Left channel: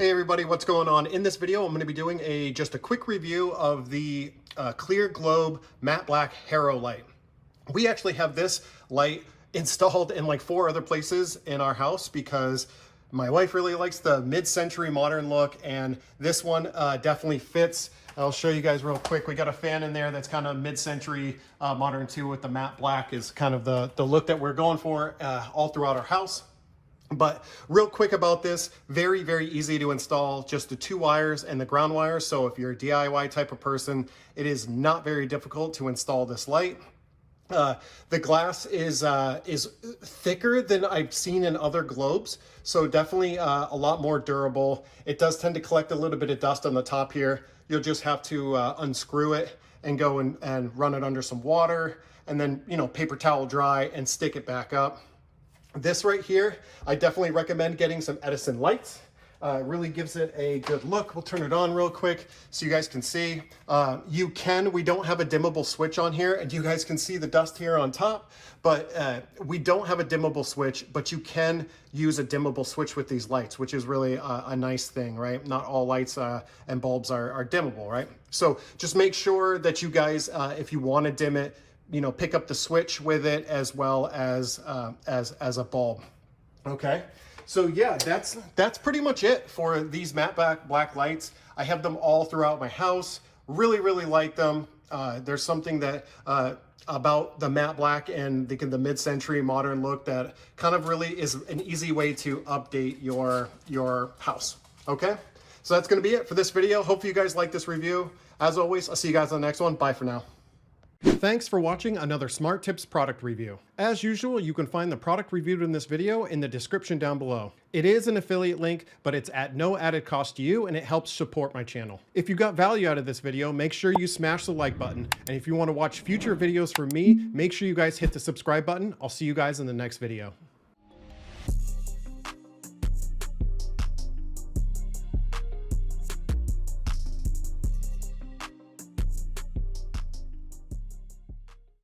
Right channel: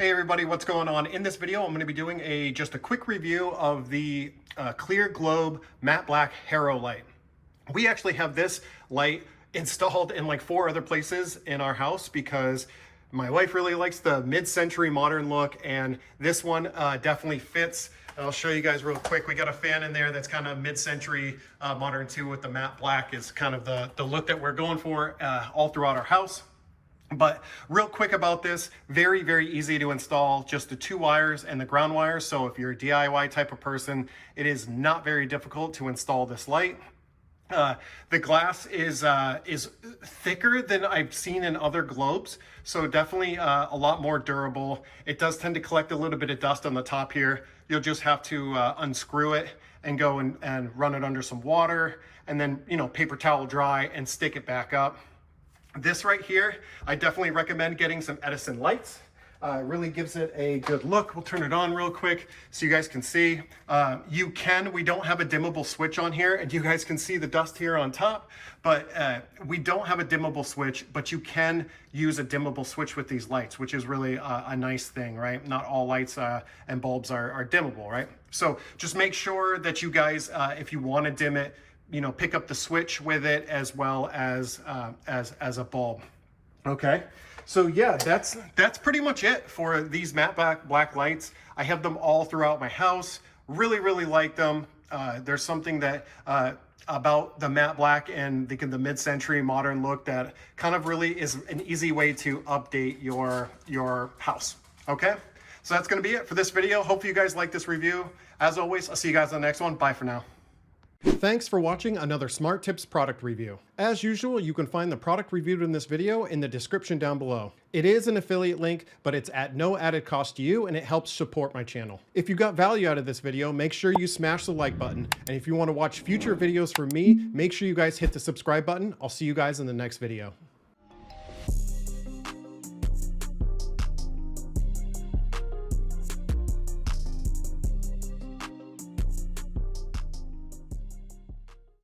Hey everybody, what's going on? In this video, I'm going to be doing just a quick review of the clear globe matte black Harrow light. We actually have this light installed in like 4 other places in our house because my wife really likes the mid-century modern look, and this one definitely fits. I'll show you guys real quick. We got a fan in there that's kind of mid-century modern too, with the matte black is kind of the look that we're going for all throughout our house. But real quick about this, very, very easy to install, just the 2 wires and the ground wires. So if you're a DIY type of person, it is not very difficult to install this light. The glass is thicker than I've seen in other globes, so definitely a lot more durable. It does tend to collect a little bit of dust on the top here. You'll just have to unscrew it and go and run it under some water, and then, you know, paper towel dry and stick it back up. This right here, I definitely recommend getting some Edison lights. It really gives it a good look. We'll turn it on real quick so you guys can see. We don't have a dimmable switch on here, and you guys can see the dust here on top, but we don't have a dimmable switch, but you can use a dimmable switch with these lights, which is really a nice thing, right? Not all lights and bulbs are dimmable, right? So just make sure that you guys, if you want to dim it, you know, pick up the switch with it as well as a bulb. Okay, so yeah, that's pretty much it for these matte black lights. I have them all throughout my house. Really like them. There's something that about the matte black and the mid-century modern look that kind of really is an easy way to update your house. Okay, so that's going to be it for this video. Hope you guys like this review. As always, I'll see you guys on the next one. Bye for now. Thanks for watching another Smart Tips product review. As usual, you can find the product reviewed in this video in the description down below. It is an affiliate link, but it's at no added cost to you, and it helps support my channel. If you got value out of this video, make sure you smash the like button. And if you want to watch future videos from me, make sure you guys hit the subscribe button. I'll see you guys in the next video.